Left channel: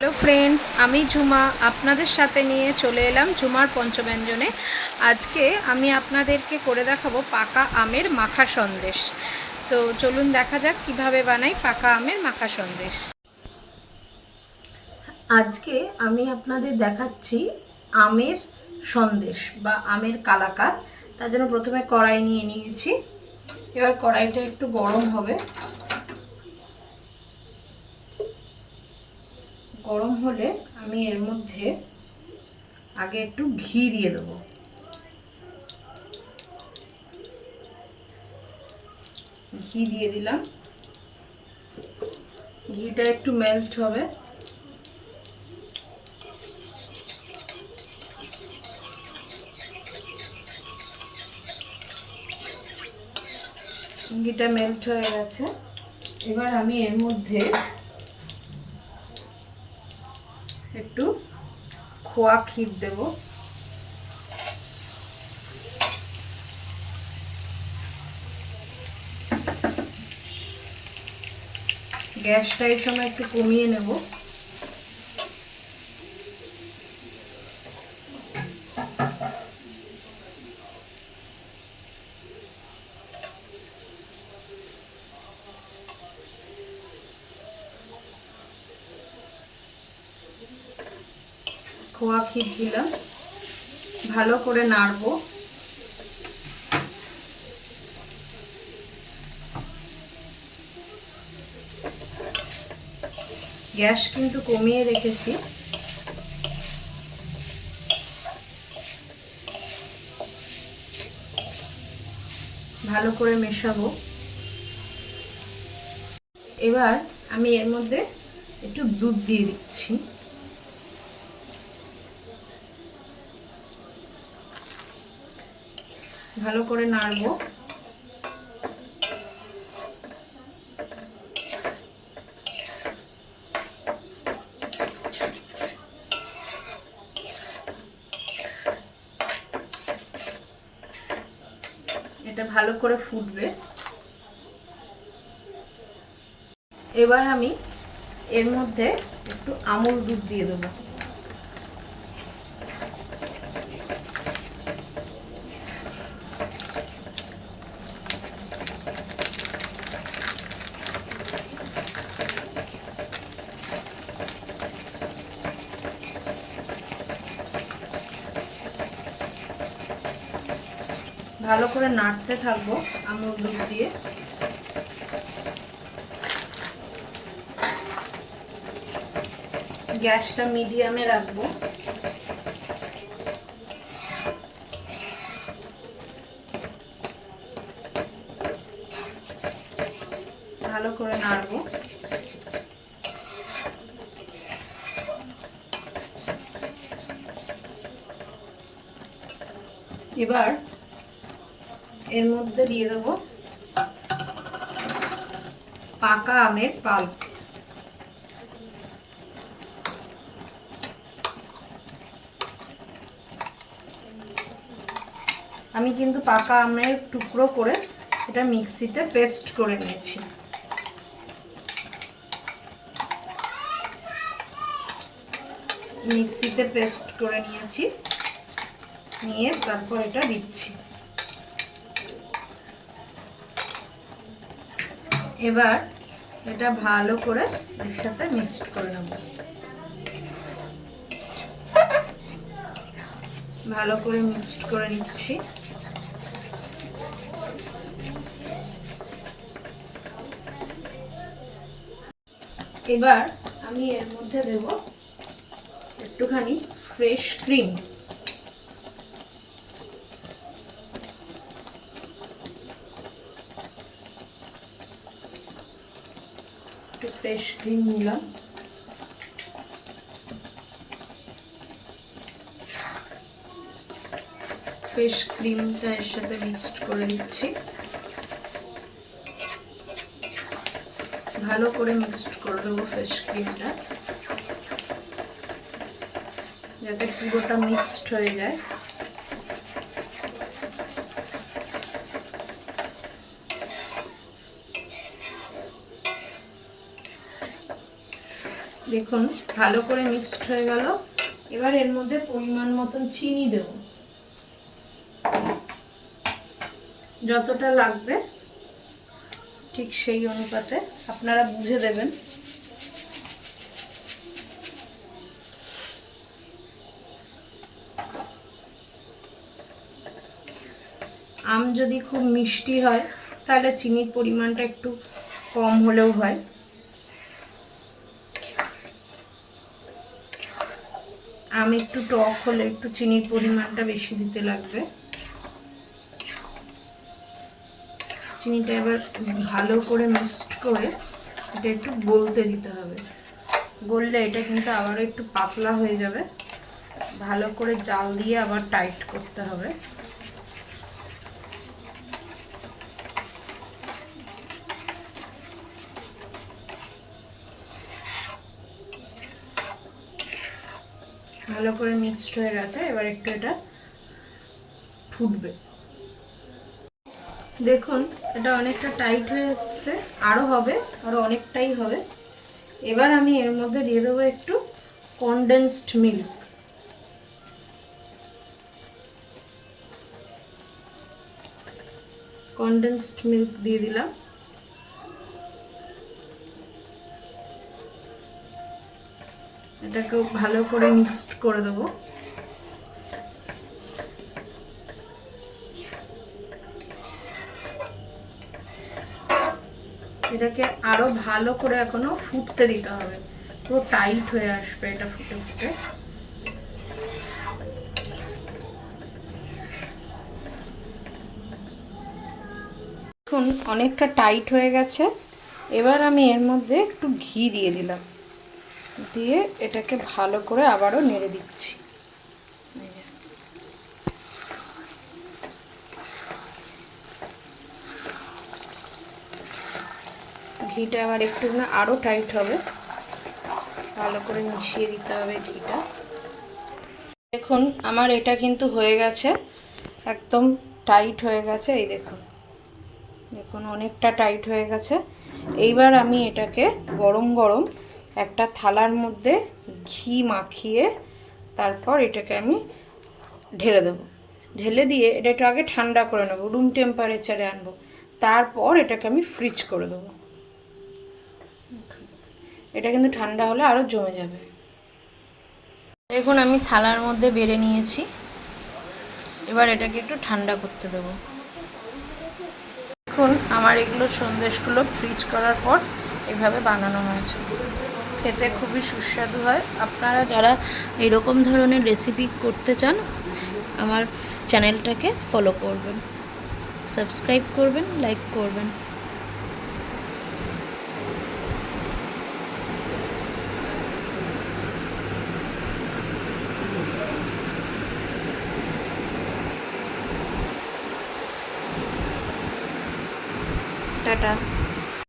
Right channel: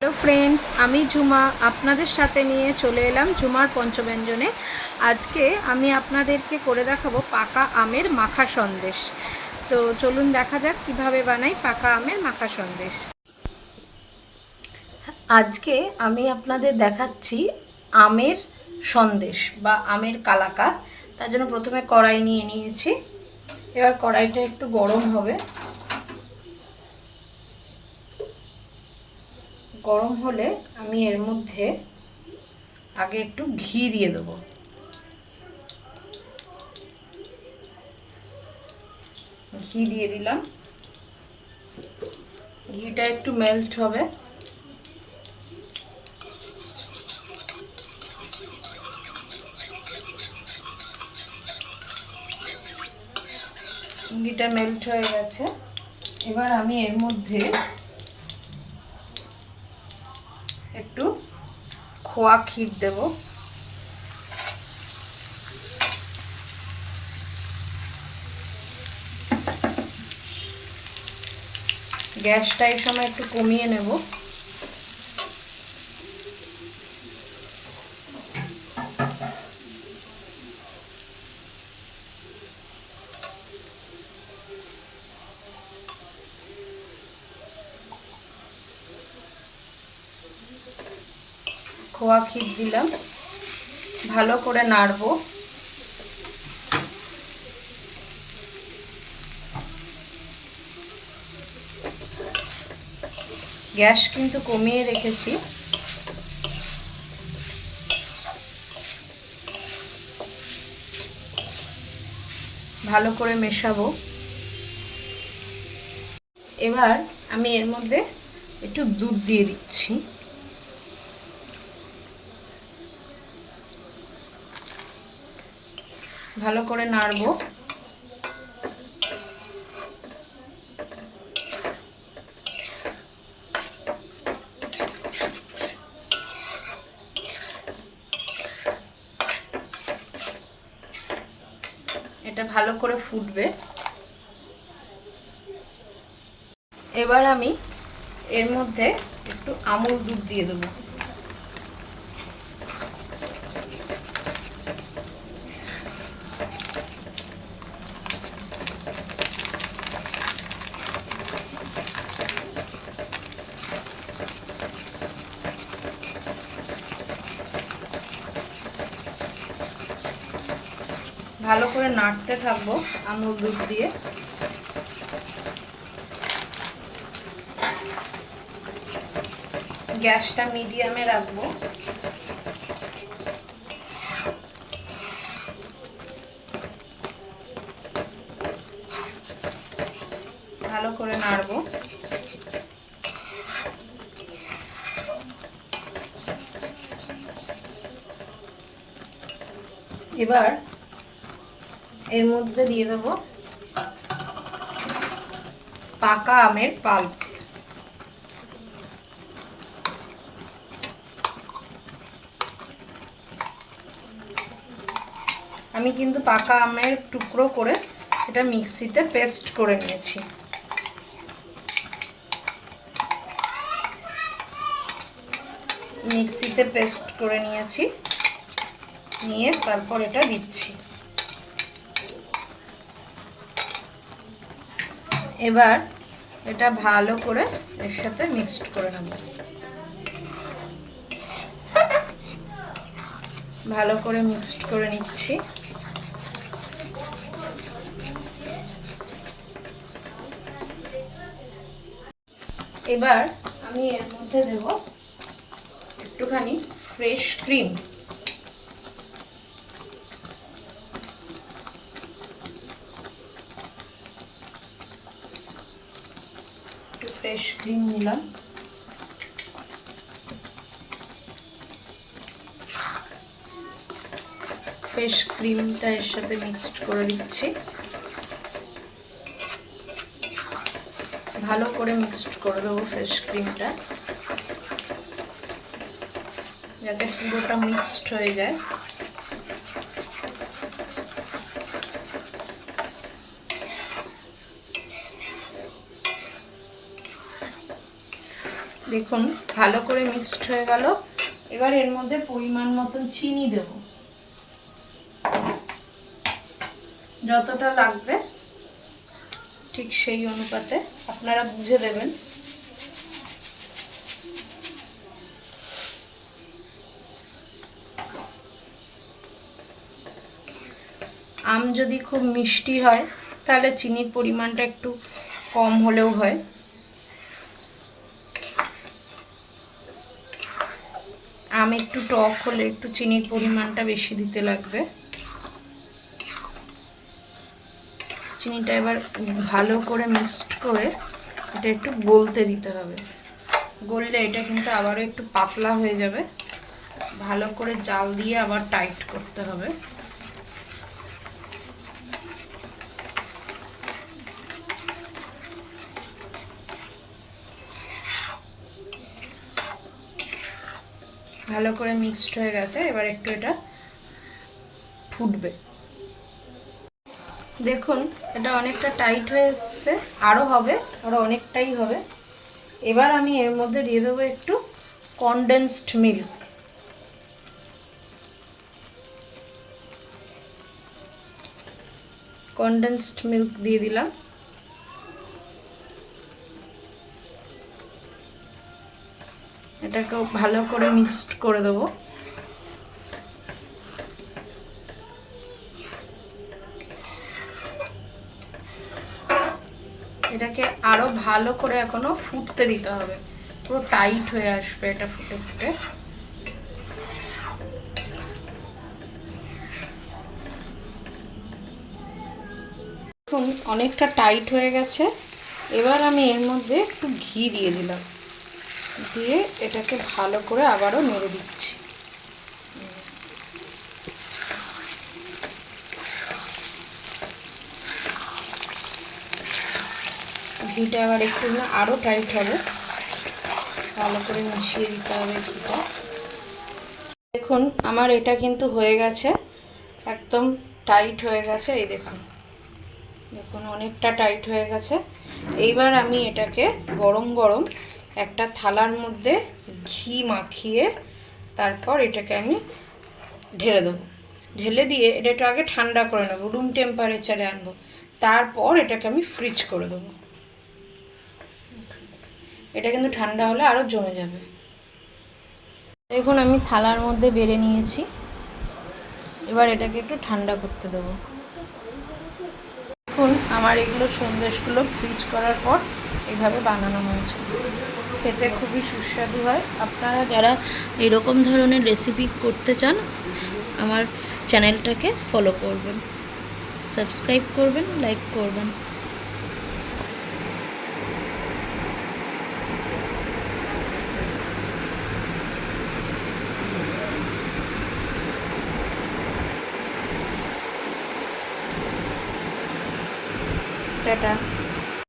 Hello friends, আমি ঝুমা আপনাদের সাথে নিয়ে চলে এলাম ঝুমার পঞ্চব্যঞ্জনে। আজকে আমি আপনাদেরকে করে দেখাবো পাকা আমের মাখা সন্দেশ। তো চলুন দেখা যাক কিভাবে বানাই পাকা আমের মাখা সন্দেশ। আজকে আমি আপনাদের দেখাচ্ছি আমের সন্দেশ বা আমের কালাকাঁদ। তার জন্য প্রথমে কড়াই নিয়ে নিয়েছি। এবার কড়াইটা একটু গরম হবে। গরম হলে আমি এর মধ্যে আগে একটু ঘি দিয়ে দেবো। ঘি দিয়ে দিলাম। ঘিটা একটু মেল্ট হবে। ঘিটা মেল্ট হয়ে গেছে। এবার আমি এর মধ্যে একটু খোয়া ক্ষীর দেব। গ্যাসটা এই সময় একটু কমিয়ে নেব। খোয়া ক্ষীর দিলাম, ভালো করে নাড়বো। গ্যাস কিন্তু কমিয়ে রেখেছি। ভালো করে মেশাবো। এবার আমি এর মধ্যে একটু দুধ দিয়ে দিচ্ছি। ভালো করে নাড়বো। এটা ভালো করে ফুটবে। এবার আমি এর মধ্যে একটু আমুল দুধ দিয়ে দেবো। ভালো করে নাড়তে থাকবো আমুল দুধ দিয়ে। গ্যাসটা মিডিয়ামে রাখবো। ভালো করে নাড়বো। এবার এর মধ্যে দিয়ে দেবো পাকা আমের পাল্প। আমি কিন্তু পাকা আমের টুকরো করে এটা মিক্সিতে পেস্ট করে নিয়েছি। মিক্সিতে পেস্ট করে নিয়েছি, নিয়ে তারপর এটা দিচ্ছি। এবার এটা ভালো করে এর সাথে মিক্সড করে নেব। ভালো করে মিক্সড করে নিচ্ছি। এবার আমি এর মধ্যে দেব একটুখানি ফ্রেশ ক্রিম। একটু ফ্রেশ ক্রিম নিলাম। ফ্রেশ ক্রিমটা এর সাথে মিক্সড করে দিচ্ছি। ভালো করে মিক্সড করে দেবো ফ্রেশ ক্রিমটা, যাতে পুরোটা মিক্সড হয়ে যায়। দেখুন ভালো করে মিক্সড হয়ে গেল। এবার এর মধ্যে পরিমাণ মতন চিনি দেব, যতটা লাগবে ঠিক সেই অনুপাতে আপনারা বুঝে দেবেন। আম যদি খুব মিষ্টি হয় তাহলে চিনির পরিমাণটা একটু কম হলেও হয়। আম একটু টক হলে একটু চিনির পরিমাণটা বেশি দিতে লাগবে। চিনিটা এবার ভালো করে মিক্সড করে এটা একটু গলতে দিতে হবে। গললে এটা কিন্তু আবারও একটু পাতলা হয়ে যাবে। ভালো করে জাল দিয়ে আবার টাইট করতে হবে। ভালো করে মিক্সড হয়ে গেছে, এবার একটু এটা ফুটবে। দেখুন এটা অনেকটা টাইট হয়ে এসছে, আরও হবে, আরও অনেকটাই হবে। এবার আমি এর মধ্যে দিয়ে দেবো একটু কনডেন্সড মিল্ক। কনডেন্সড মিল্ক দিয়ে দিলাম। এটাকেও ভালো করে মিক্সড করে দেবো। এটাকে আরো ভালো করে এখনো ফুটতে দিতে হবে, পুরো টাইট হয়ে আসবে এটা ফুটে ফুটে। এখন অনেকটা টাইট হয়ে গেছে। এবার আমি এর মধ্যে একটু ঘি দিয়ে দিলাম, দিয়ে এটাকে ভালো করে আবারও নেড়ে দিচ্ছি। ঘিটা আবার একটু না আরও টাইট হবে, ভালো করে মিশিয়ে দিতে হবে ঘিটা। দেখুন আমার এটা কিন্তু হয়ে গেছে, একদম টাইট হয়ে গেছে। এই দেখুন, দেখুন অনেকটা টাইট হয়ে গেছে। এইবার আমি এটাকে গরম গরম একটা থালার মধ্যে ঘি মাখিয়ে তারপর এটাকে আমি ঢেলে দেবো। ঢেলে দিয়ে এটা একটু আগে ঠান্ডা করে নেবো, রুম টেম্পারেচারে আনবো, তারপর এটাকে আমি ফ্রিজ করে দেবো। এটা কিন্তু ঠান্ডা হলে আরও জমে যাবে। দেখুন আমি থালার মধ্যে বেড়ে নিয়েছি, এবার এটাকে একটু ঠান্ডা করতে দেবো। দেখুন আমার এগুলো সন্দেশগুলো ফ্রিজ করার পর এইভাবে বানানো হয়েছে, খেতে খুবই সুস্বাদু হয়। আপনারা যারা এরকম ধরনের রেসিপি করতে চান আমার চ্যানেলটাকে ফলো করবেন, সাবস্ক্রাইব করবেন, লাইক করবেন। টাটা।